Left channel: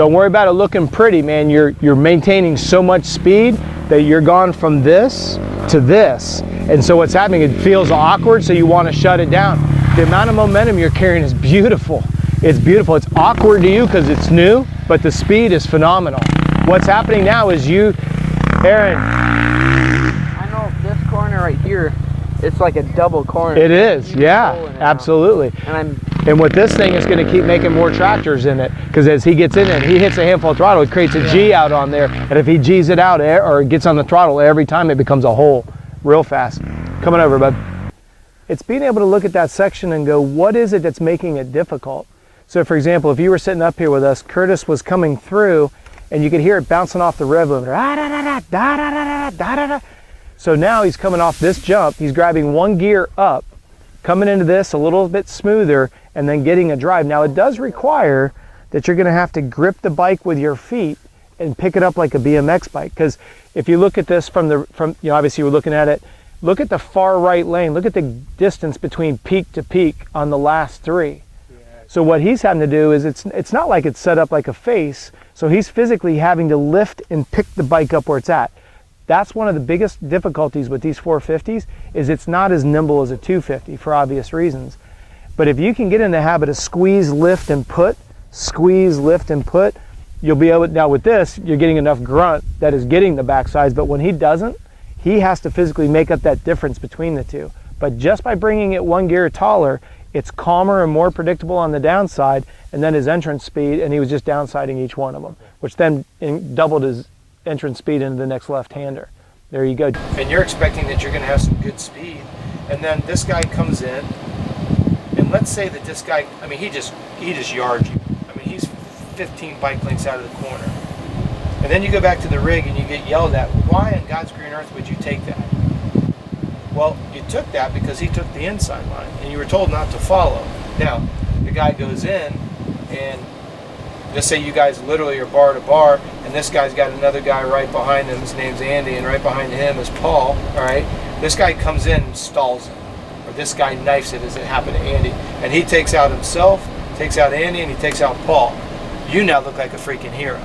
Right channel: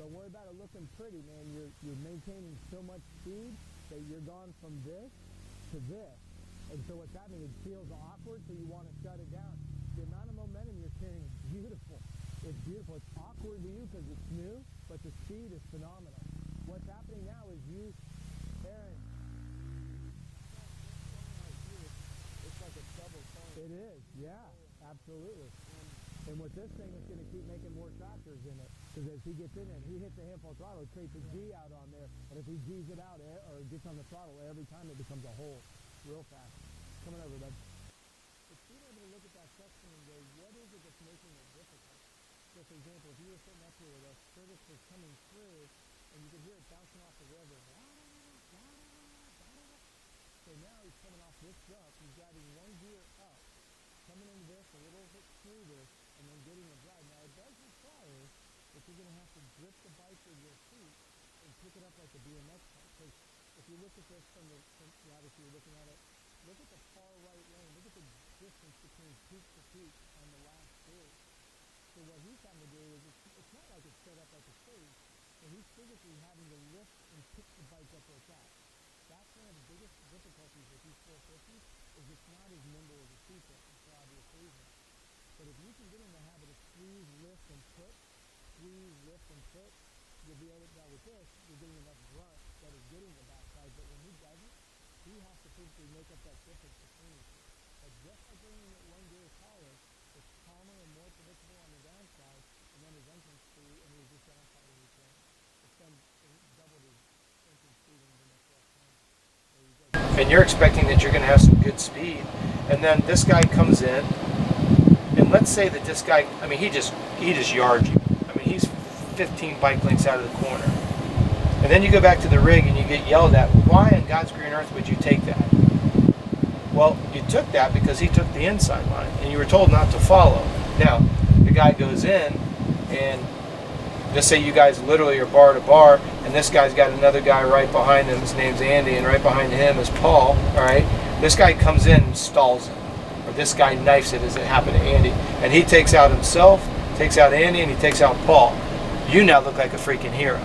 Don't worry about it looking pretty, man. You're maintaining so much speed that you're gone from this to this. And so what's happening, it feels awkward, so you want to shut it down. The amount of momentum you're carrying is beautiful. It's beautiful. It's awkward to you because it's new, but the speed is phenomenal. What's happening now is you, Aaron. I know this corner right here, it's like a double corner. It is, yeah, absolutely. And with this thing, it's going to keep making more tractors in it, because as he gets in it, he hits a handful of throttle, it creates a G out on there, and if he G's it out or gets on the throttle every time, it becomes a hole real fast. Coming over, bud. It's being able to look at that section and go, what is it that's making it difficult? So for example, if you were sitting up here with us, Curtis was coming through, and you could hear it bouncing off the rev limiter. So now he's coming off this jump, he's grabbing one gear up, coming into this a little bit smoother, and then getting a drive. Now it does require that you're gonna have to grip the bike with your feet and pick it up like a BMX bike. Because if you look at this from obviously we're looking at it, look at the far right lane, look at the distance between peak to peak on the last three. So what he's having to do is, it's not like it's set up like a face, so he's physically having to lift and pick the bike up where it's at. That's one of the biggest difficulties with these 450s, is it's not as nimble as a 250 for obvious reasons. But if you can get in the habit of squeeze, lift, and put, you'll be able, now with this, you're getting enough grunt that is getting the backsides, but when he doesn't, he has to physically make up that difference between the two. But just by bringing it one gear taller, it's calmer and more predictable on the downside, and then his entrance speed, and he was just downsiding each one of them, which then doubled his entrance speed into the next left-hander. There you go. And you're expecting that you're going to have some good speed, and then this guy comes in, and let's say that this guy, I mean, he just yards you. I mean, he's 15 bike lengths out of the corner. And then you go back to the rig and you get yelled at. Why on God's green earth would you take that? Well, you took that because he took the inside line, and you were told not to follow. Now, the guy goes in, and just say you guys literally are bar to bar, and this guy's got another guy right behind him. His name's Andy, and right behind him is Paul. All right, this guy comes in and stalls him, or this guy knifes it, as it happened to Andy, and he takes out himself, takes out Andy, and he takes out Paul. You now look like a freaking hero.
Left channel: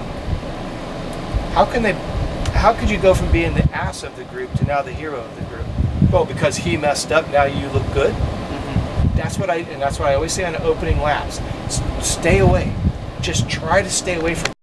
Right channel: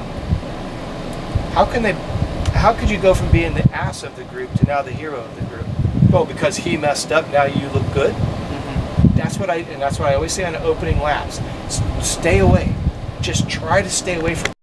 How could you go from being the ass of the group to now the hero of the group? Well, because he messed up, now you look good. Mm-hmm. That's what I always say on the opening laps. Stay away. Just try to stay away from